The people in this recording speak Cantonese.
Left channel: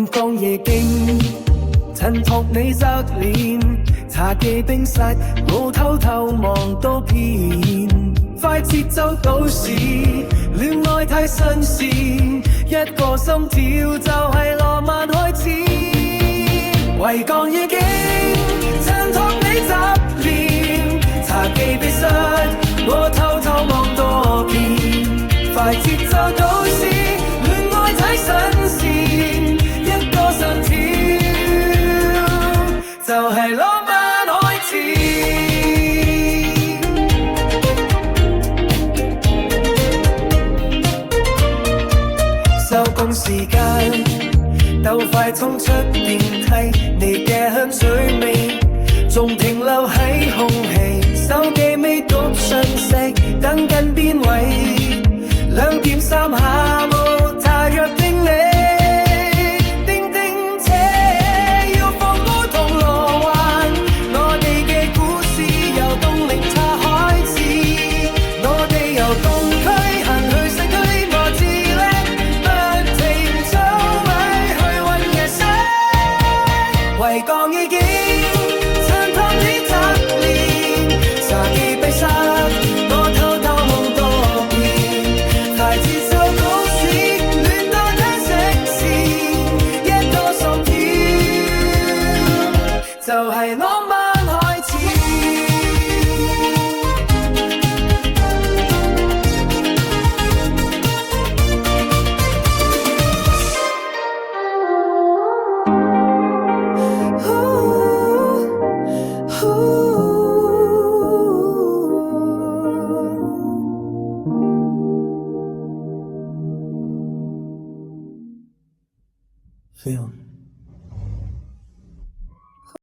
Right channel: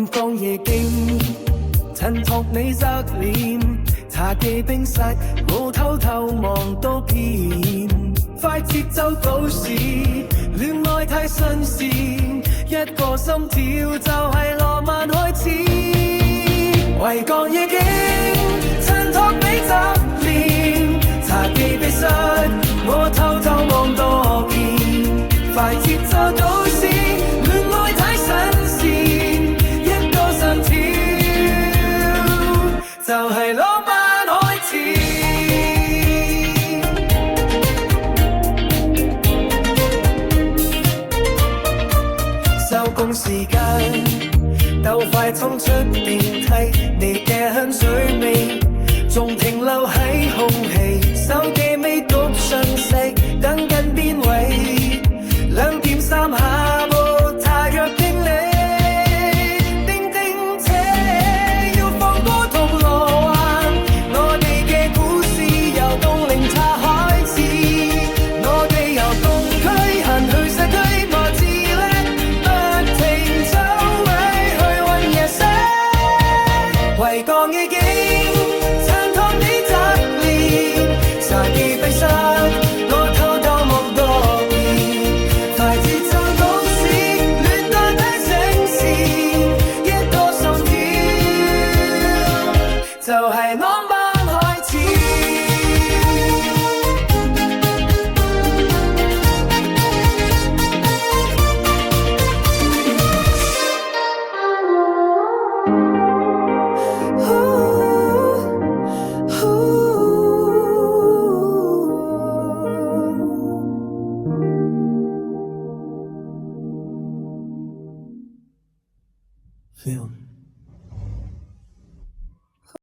雲降夜景，襯托你側臉。茶記冰室，我偷偷望多遍。快節奏都市，戀愛太新鮮，一個心跳就係浪漫開始。維港夜景，襯托你側臉。茶記冰室，我偷偷望多遍。快節奏都市，戀愛太新鮮，一個心跳就係浪漫開始。收工時間，鬥快衝出電梯，你嘅香水味仲停留喺空氣，手機未讀訊息，等緊邊位？2點3下午，他約定你。叮叮車要放歌銅鑼灣，我哋嘅故事由東嶺茶開始，我哋由東區行去西區磨字叻，不停走位去揾夜色。維港夜景，襯托你側臉。茶記冰室，我偷偷望多遍。快節奏都市，戀愛太新鮮，一個心跳就係浪漫開始。飞扬。